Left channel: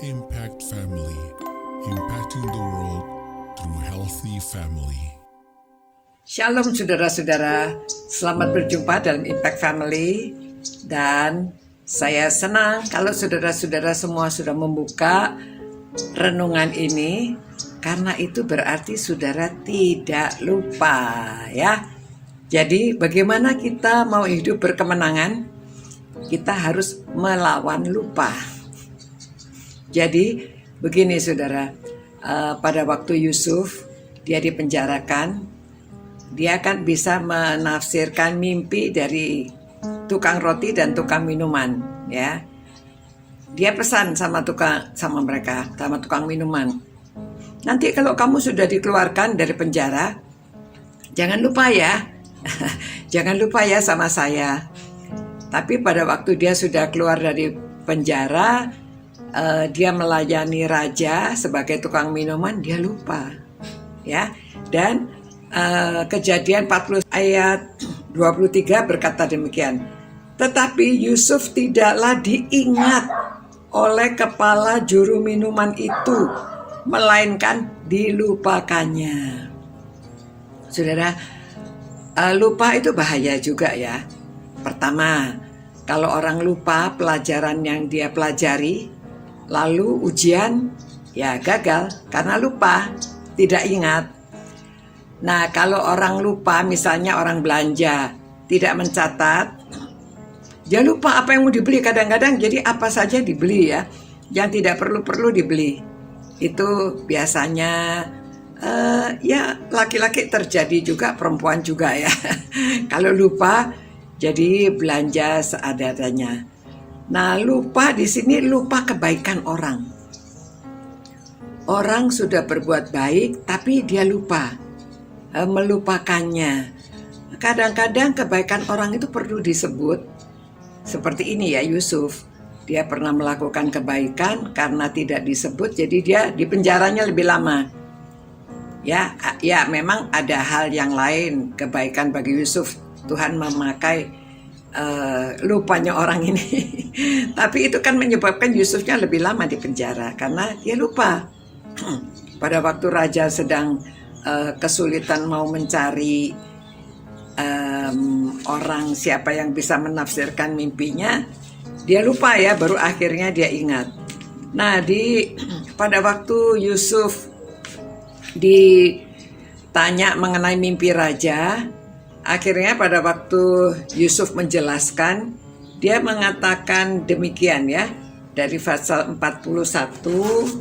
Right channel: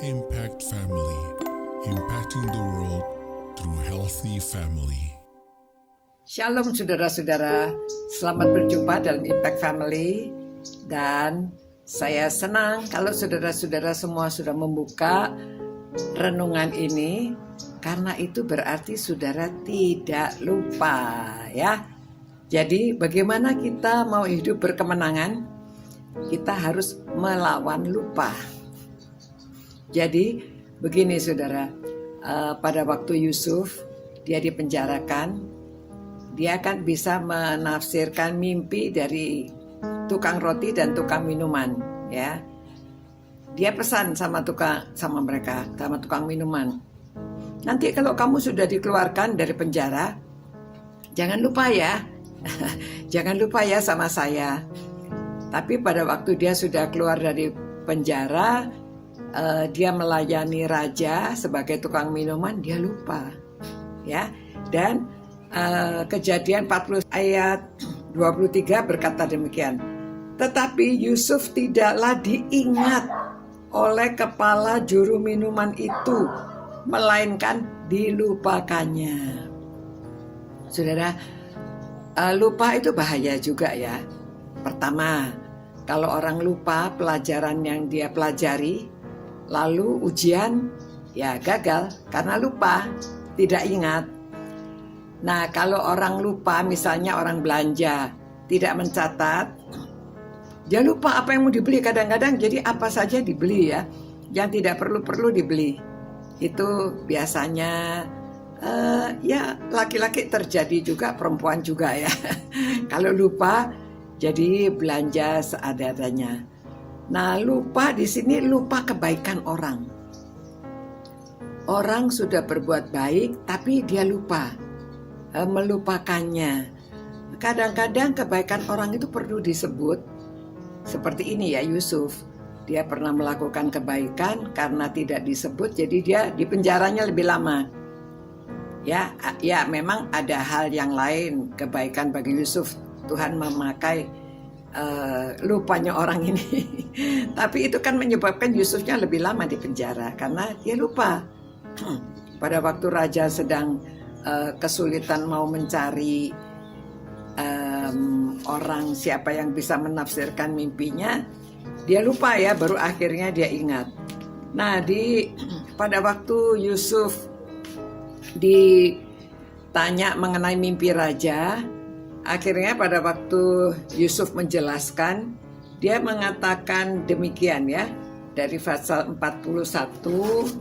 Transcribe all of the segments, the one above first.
Impact Family, impacting the world through healthy family. Shalom saudara-saudara, selamat berjumpa dalam Impact Family. Dan saya senang kalau saudara-saudara semua sudah membuka renungan ini, karena itu berarti saudara tidak lupa ya. Jadi bagaimana kita mau hidup berkemenangan? Kita harus melawan lupa. Jadi begini saudara, pada waktu Yusuf dia dipenjarakan, dia kan bisa menafsirkan mimpi dari tukang roti dan tukang minuman, ya. Dia pesan sama mereka, sama tukang minuman. Nanti kalau kamu sudah dikeluarkan dari penjara, jangan lupa ya, jangan lupa ya sama saya. Tapi pada waktu dia sudah keluar dari penjara, dia melayani raja sebagai tukang minuman, dia lupa, ya. Dan Kejadian 40 ayat 23 berkata demikian. Tetapi Yusuf tidaklah diingat oleh kepala juru minuman itu, melainkan dilupakannya. Saudara, lupa itu bahaya juga ya. Pertama, kalau orang lupa pelajaran yang dia pelajari, lalu ujian ya gagal karena lupa, tidak ingat. Nah, kalau orang lupa, misalnya orang belanja, tidak mencatat, dia lupa apa yang mau dibeli. Kadang-kadang jadi apa saja dibeli ya, yang tidak perlu dibeli. Itu biasanya ya laki-laki terjadi juga, perempuan juga ya. Kalau lupa, jadi belanja seadanya. Nah, lupa di sini lupa kebaikan orang. Orang sudah berbuat baik, tapi dia lupa. Melupakannya. Kadang-kadang kebaikan orang itu perlu disebut. Seperti ini ya, Yusuf. Dia pernah melakukan kebaikan, karena tidak disebut, jadi dia di penjaranya lebih lama. Ya, memang ada hal yang lain kebaikan bagi Yusuf. Tuhan memakai lupanya orang ini. Tapi itu kan menyebabkan Yusufnya lebih lama di penjara karena dia lupa. Pada waktu raja sedang kesulitan mau mencari orang siapa yang bisa menafsirkan mimpinya, dia lupa ya, baru akhirnya dia ingat. Nah, pada waktu Yusuf ditanya mengenai mimpi raja, akhirnya pada waktu Yusuf menjelaskan, dia mengatakan demikian ya, dari pasal 41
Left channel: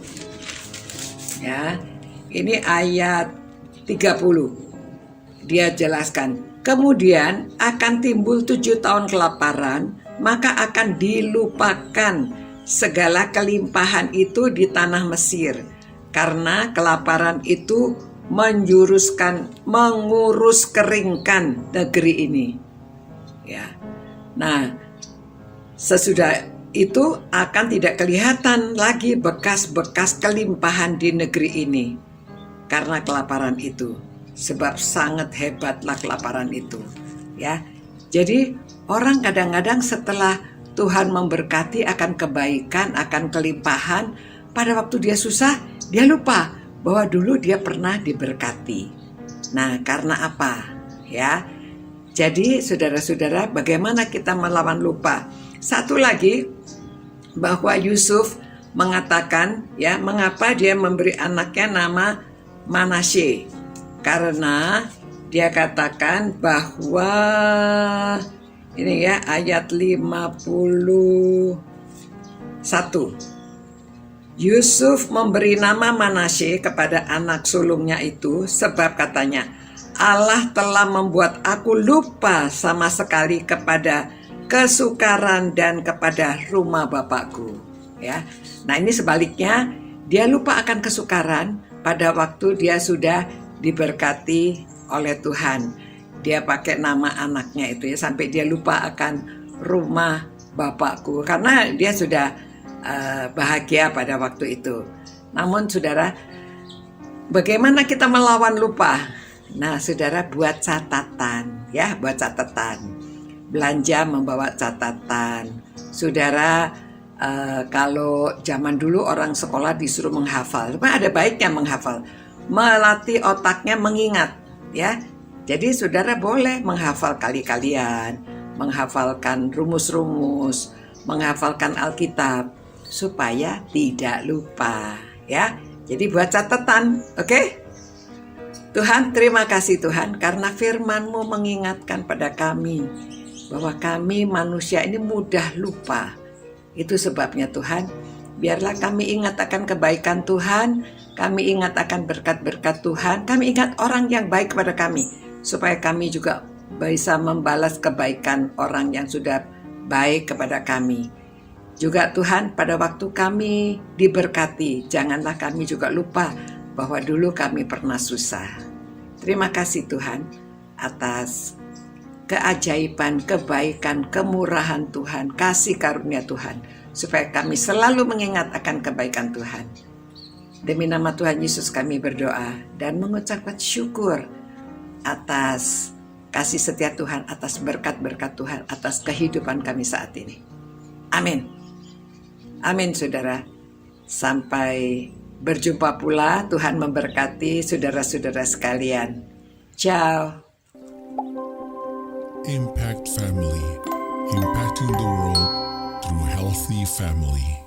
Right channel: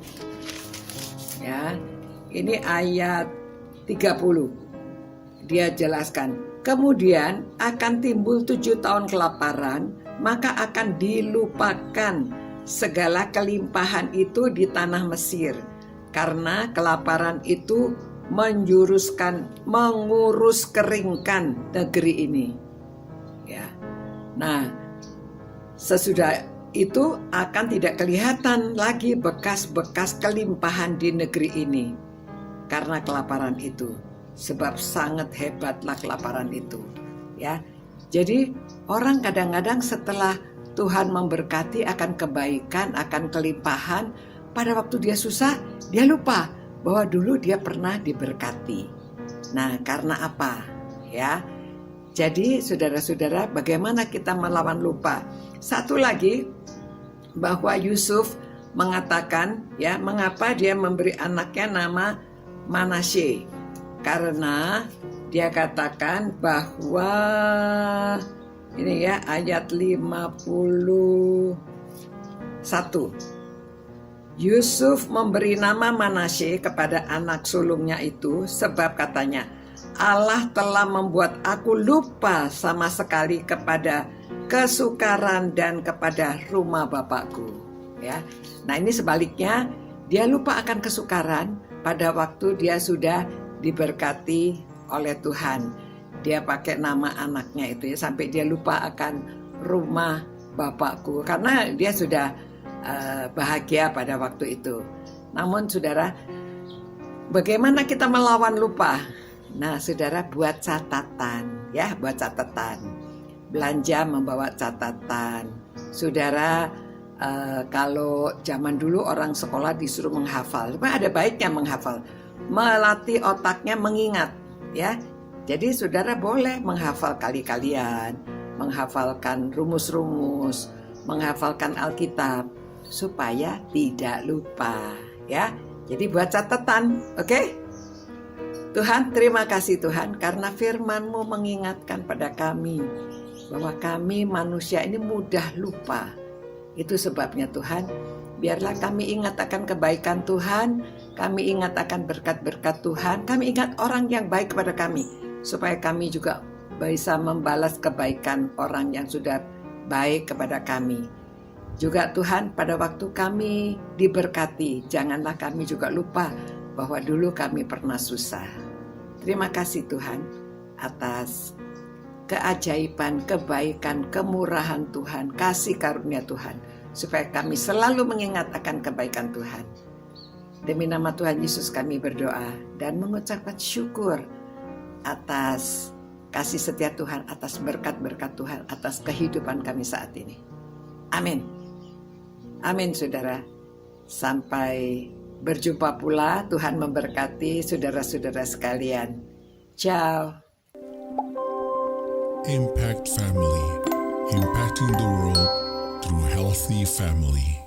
ya, ini ayat 30. Dia jelaskan, kemudian akan timbul 7 tahun kelaparan, maka akan dilupakan segala kelimpahan itu di tanah Mesir, karena kelaparan itu mengurus keringkan negeri ini. Ya. Nah, sesudah itu akan tidak kelihatan lagi bekas-bekas kelimpahan di negeri ini karena kelaparan itu, sebab sangat hebatlah kelaparan itu, ya. Jadi orang kadang-kadang setelah Tuhan memberkati akan kebaikan, akan kelimpahan, pada waktu dia susah, dia lupa bahwa dulu dia pernah diberkati. Nah, karena apa? Ya. Jadi saudara-saudara, bagaimana kita melawan lupa? Satu lagi, bahwa Yusuf mengatakan ya, mengapa dia memberi anaknya nama Manasye, karena dia katakan bahwa ini ya, ayat 51, Yusuf memberi nama Manasye kepada anak sulungnya itu sebab katanya, Allah telah membuat aku lupa sama sekali kepada kesukaran dan kepada rumah bapakku, ya. Nah, ini sebaliknya, dia lupa akan kesukaran pada waktu dia sudah diberkati oleh Tuhan. Dia pakai nama anaknya itu ya, sampai dia lupa akan rumah bapakku, karena dia sudah bahagia pada waktu itu. Namun saudara, bagaimana kita melawan lupa? Nah, saudara, buat catatan ya, buat catatan. Belanja membawa catatan. Saudara Kalau zaman dulu orang sekolah disuruh menghafal, cuma ada baiknya menghafal, melatih otaknya mengingat, ya. Jadi saudara boleh menghafal kali-kalian, menghafalkan rumus-rumus, menghafalkan Alkitab supaya tidak lupa, ya. Jadi buat catatan, oke? Tuhan, terima kasih Tuhan karena firman-Mu mengingatkan pada kami bahwa kami manusia ini mudah lupa. Itu sebabnya Tuhan, biarlah kami ingat akan kebaikan Tuhan, kami ingat akan berkat-berkat Tuhan, kami ingat orang yang baik kepada kami, supaya kami juga bisa membalas kebaikan orang yang sudah baik kepada kami. Juga Tuhan, pada waktu kami diberkati, janganlah kami juga lupa bahwa dulu kami pernah susah. Terima kasih Tuhan atas keajaiban, kebaikan, kemurahan Tuhan, kasih karunia Tuhan, supaya kami selalu mengingat akan kebaikan Tuhan. Demi nama Tuhan Yesus kami berdoa dan mengucapkan syukur atas kasih setia Tuhan, atas berkat-berkat Tuhan, atas kehidupan kami saat ini. Amin. Amin saudara. Sampai berjumpa pula, Tuhan memberkati saudara-saudara sekalian. Ciao. Impact Family, impacting the world through healthy family.